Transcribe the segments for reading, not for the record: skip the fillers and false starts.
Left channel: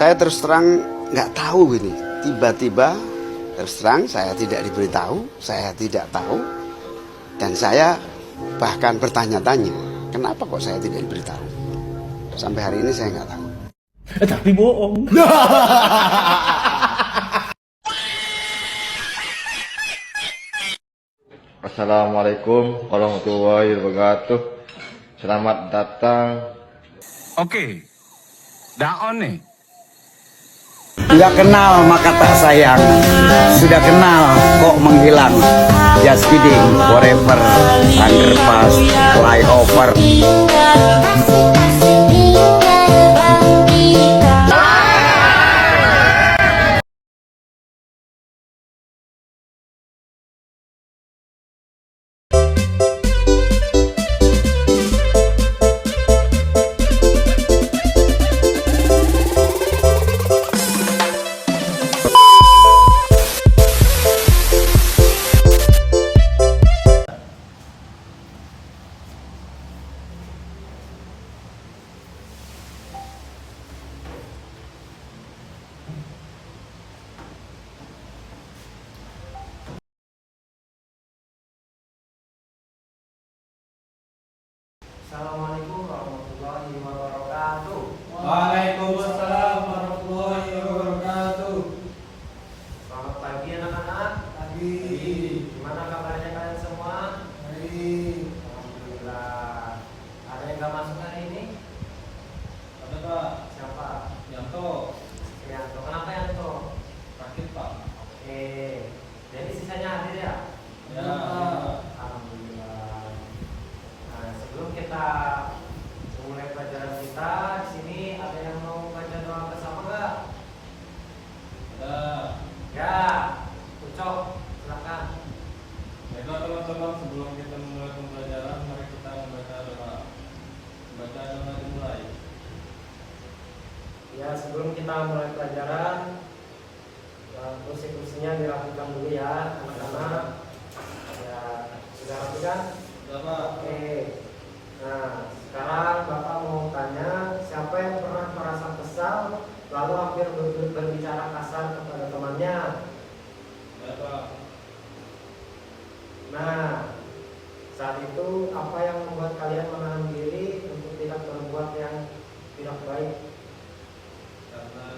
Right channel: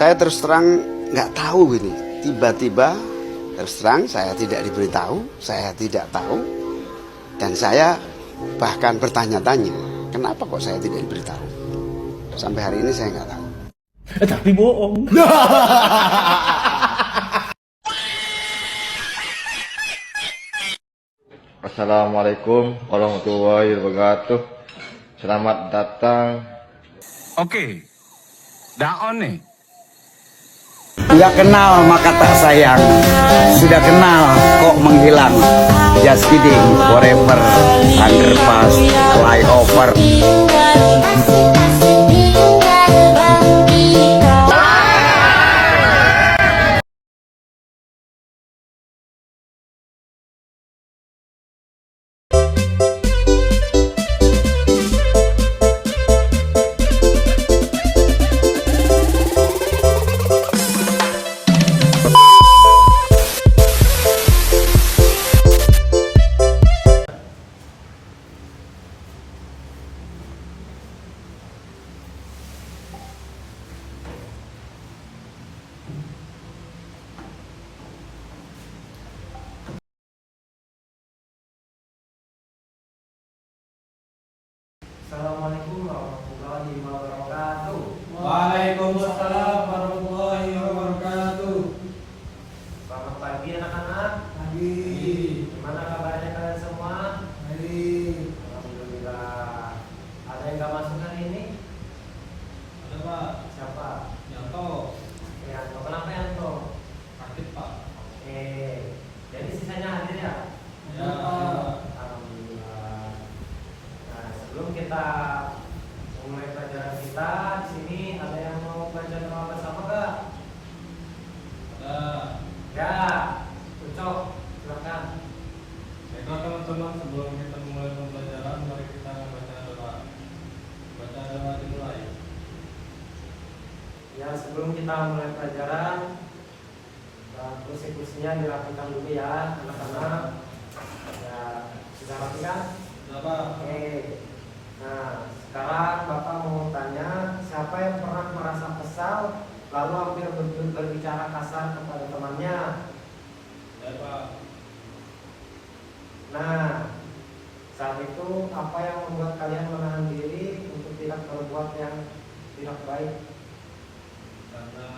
Saya terus terang nggak tahu ini. Tiba-tiba terus terang saya tidak diberitahu, saya tidak tahu, dan saya bahkan bertanya-tanya, kenapa kok saya tidak diberitahu? Sampai hari ini saya nggak tahu. Tapi bohong. Assalamualaikum warahmatullahi wabarakatuh. Selamat datang. Oke, daon nih. Nggak kenal maka tak sayang, sudah kenal kok menghilang. Just kidding, forever, underpass, flyover. Assalamualaikum warahmatullahi wabarakatuh. Waalaikumsalam warahmatullahi wabarakatuh. Selamat pagi anak-anak. Pagi. Gimana kabarnya kalian semua? Hari. Alhamdulillah. Ada yang gak masuk hari ini? Ada Pak. Siapa? Yanto. Yanto. Kenapa Yanto? Sakit Pak. Oke. Jadi sisanya hadir ya? Ya. Alhamdulillah. Nah, sebelum kita mulai pelajaran kita, di sini ada yang mau baca doa bersama gak? Ada. Ya. Ucok, silakan. Baiklah teman-teman, sebelum kita mulai pembelajaran, mari kita membaca doa. Baca doa dimulai. Ya, sebelum kita mulai pelajaran, kursi-kursinya dilakukan dulu ya, anak-anak. Ya, sudah rapi kan? Sudah Pak. Oke. Nah, sekarang Bapak mau tanya, siapa yang pernah merasa kesal lalu hampir berbicara kasar kepada temannya? Ya Pak. Nah, saat itu apa yang membuat kalian menahan diri untuk tidak berbuat yang tidak baik? Karena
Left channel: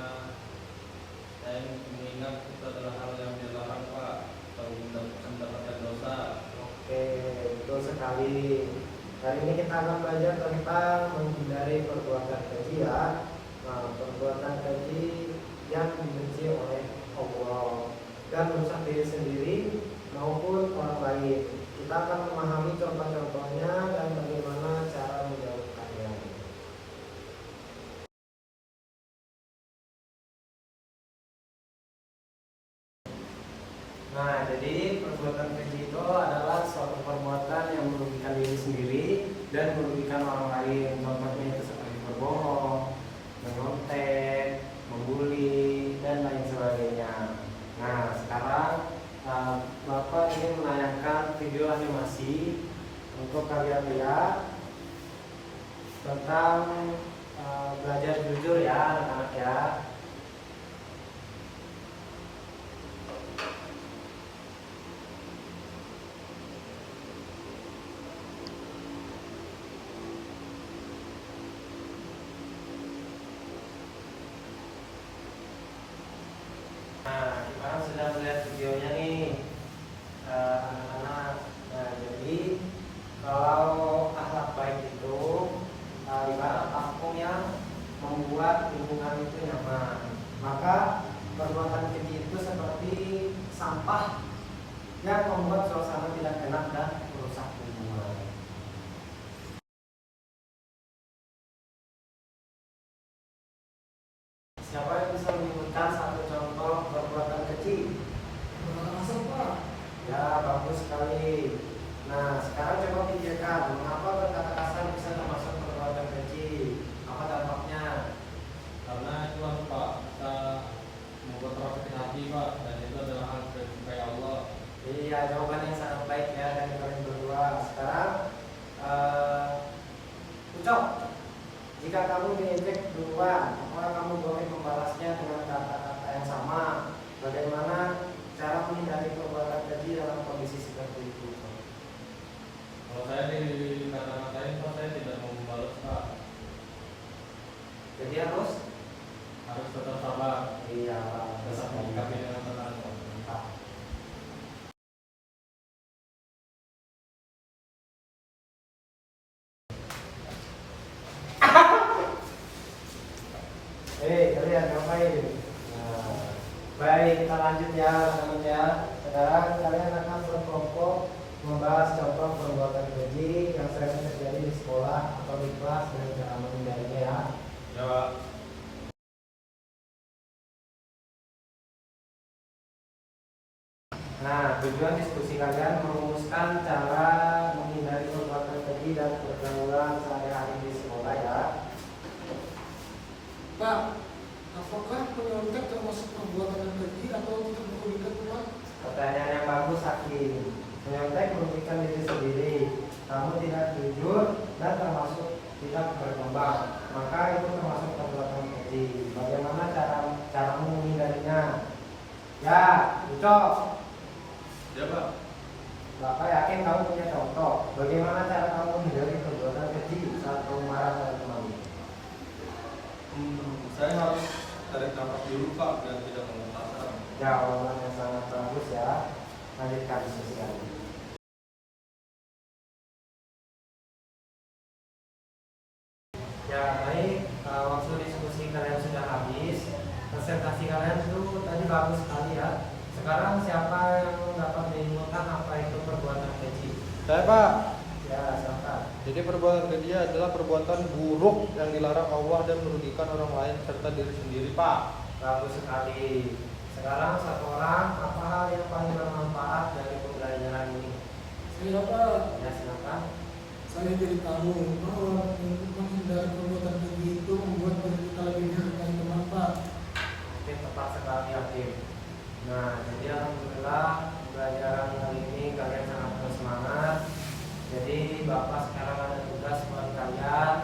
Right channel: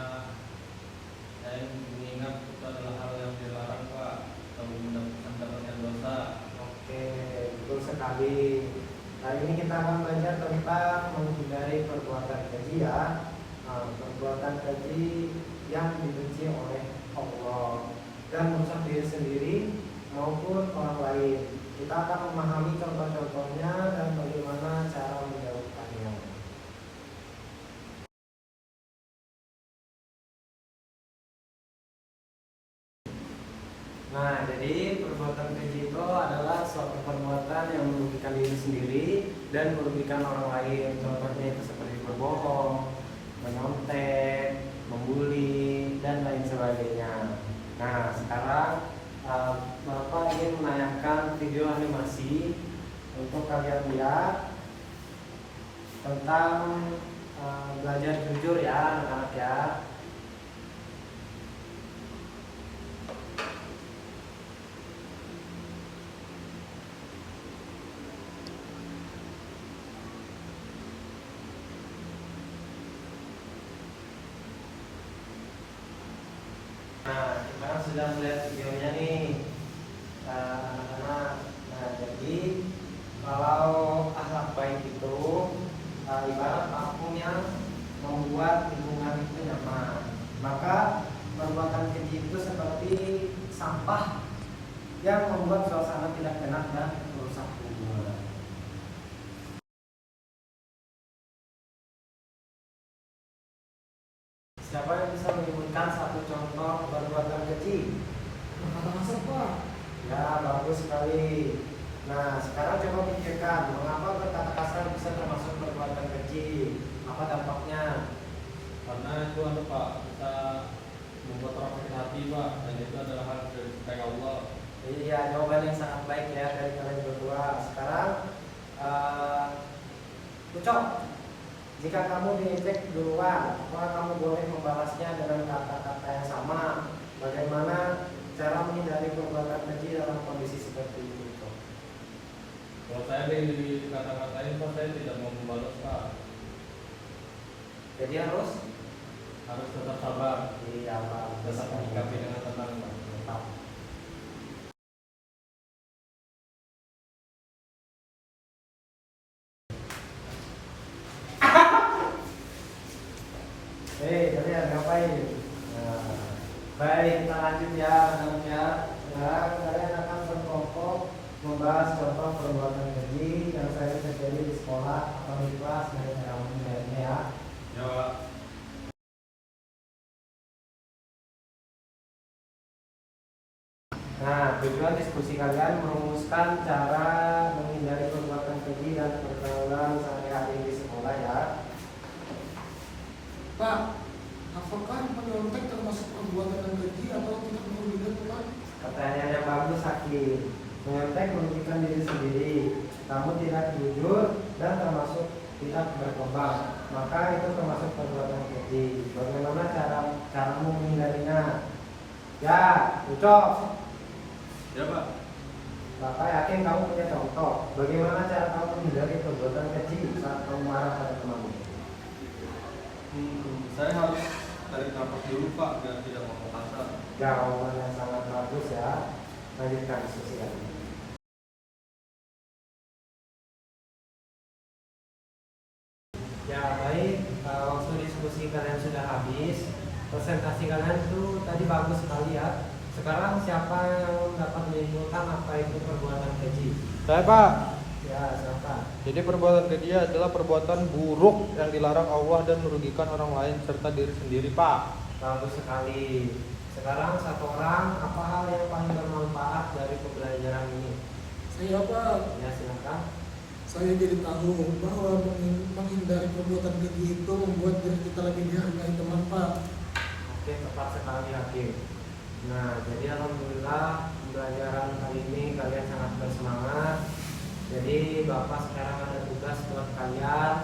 saya mengingat itu adalah hal yang dilarang Pak, kalau mendapatkan dosa. Oke, betul sekali. Hari ini kita akan belajar tentang menghindari perbuatan keji ya. Nah, perbuatan keji yang dibenci oleh Allah dan merusak diri sendiri maupun orang lain. Kita akan memahami contoh-contohnya dan bagaimana cara menjauhkannya. Nah, jadi perbuatan keji itu adalah suatu perbuatan yang merugikan diri sendiri dan merugikan orang lain. Contohnya itu seperti berbohong, menyontek, membuli, dan lain sebagainya. Nah, sekarang Bapak ingin menayangkan video animasi untuk kalian lihat tentang belajar jujur ya anak-anak ya. Nah, kita kan sudah melihat videonya nih, anak-anak. Nah, jadi kalau akhlak baik itu ibarat vakum yang membuat lingkungan itu nyaman. Maka perbuatan keji itu seperti sampah yang membuat suasana tidak enak dan merusak hubungan. Siapa yang bisa menyebutkan satu contoh perbuatan keji? Kata kasar Pak. Ya, bagus sekali. Nah, sekarang coba pikirkan, mengapa berkata kasar bisa termasuk perbuatan keji? Apa dampaknya? Karena itu ada Pak, kita membuat orang sakit hati Pak, dan itu adalah hal yang dicintai Allah. Iya, jawaban yang sangat baik ya dari kalian berdua. Sekarang, Ucok, Jika kamu diejek duluan, maka kamu boleh membalasnya dengan kata-kata yang sama. Bagaimana cara menghindari perbuatan keji dalam kondisi seperti itu? Kalau saya dikata-katain Pak, saya tidak mau membalas Pak. Jadi harus Tetap sabar, iya Pak. tetap menyikapi dengan tenang Pak. Tadi ada ngapain? Nah, baik, kita lanjut ya, teman-teman ya. Sekarang kalian akan berkelompok membahas contoh perbuatan keji yang sering terjadi di sekolah atau di kelas dan cara menghindarinya ya. Ya Pak. Nah, tujuan diskusi kalian merumuskan cara menghindari perbuatan keji dan pergaulan sehari-hari di sekolah ya. Pak, apakah menyontek termasuk perbuatan yang keji atau tidak perlu dilakukan? Pertanyaan yang bagus, Hakim. Menyontek merugikan diri sendiri. Kamu tidak jujur dan termasuk tidak berkembang. Maka itu termasuk perbuatan keji. Bagaimana cara menghindarinya? Ya, Ucok. Ya Pak. Bapak yakin kamu punya contoh. Bagaimana cara kamu menghindari perbuatan keji saat kamu marah pada temanmu? Saya harus tarik nafas dulu Pak, biar tidak ngomong kasar. Jawaban yang sangat bagus ya. Lanjutkan diskusi kali. Ya baik, waktu diskusi kalian sudah habis. Presentasi kalian tuh tadi bagus sekali ya. Sekarang siapa yang dapat menyimpulkan apa itu perbuatan keji? Saya Pak. Ya, silakan. Jadi perbuatan keji adalah perbuatan buruk yang dilarang Allah dan merugikan orang lain serta diri sendiri Pak. Bagus sekali. Sekarang satu orang, apa hal yang paling bermanfaat dari pembelajaran ini? Saya Pak. Ya, silakan. Saya jadi tahu bahwa menghindari perbuatan keji itu membuat diri kita lebih dihargai teman Pak. Oke, tepat sekali Hakim. Nah, jadi alhamdulillah pembelajaran kali ini kalian sangat bersemangat. Jadi Bapak sekarang ada tugas buat kalian,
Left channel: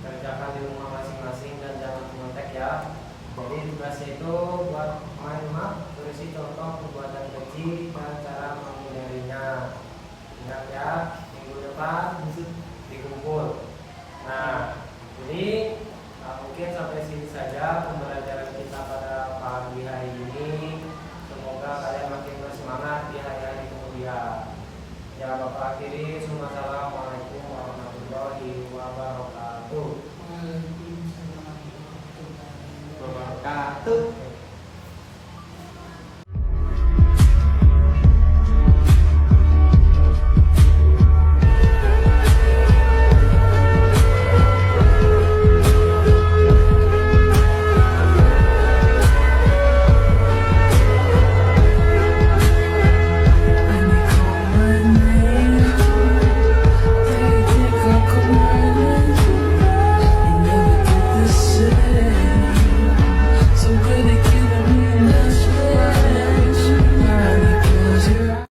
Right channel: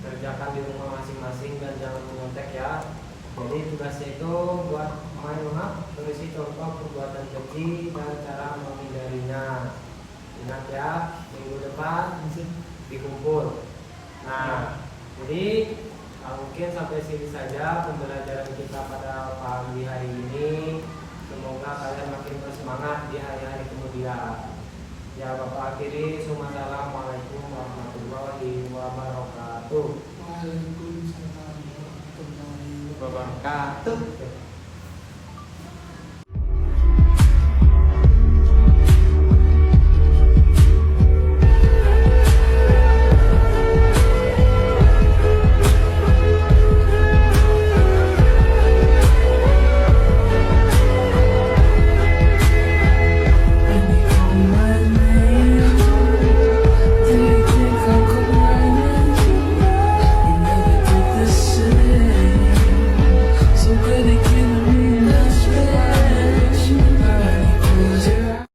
kerjakan di rumah masing-masing dan jangan menyontek ya. Jadi tugasnya itu buat main rumah, tulis contoh perbuatan keji dan cara menghindarinya. Ingat ya, minggu depan dikumpul. Nah, jadi mungkin sampai sini saja pembelajaran kita pada pagi hari ini. Semoga kalian makin bersemangat di hari-hari kemudian. Ya Bapak akhiri, Assalamualaikum warahmatullahi wabarakatuh. Waalaikumsalam.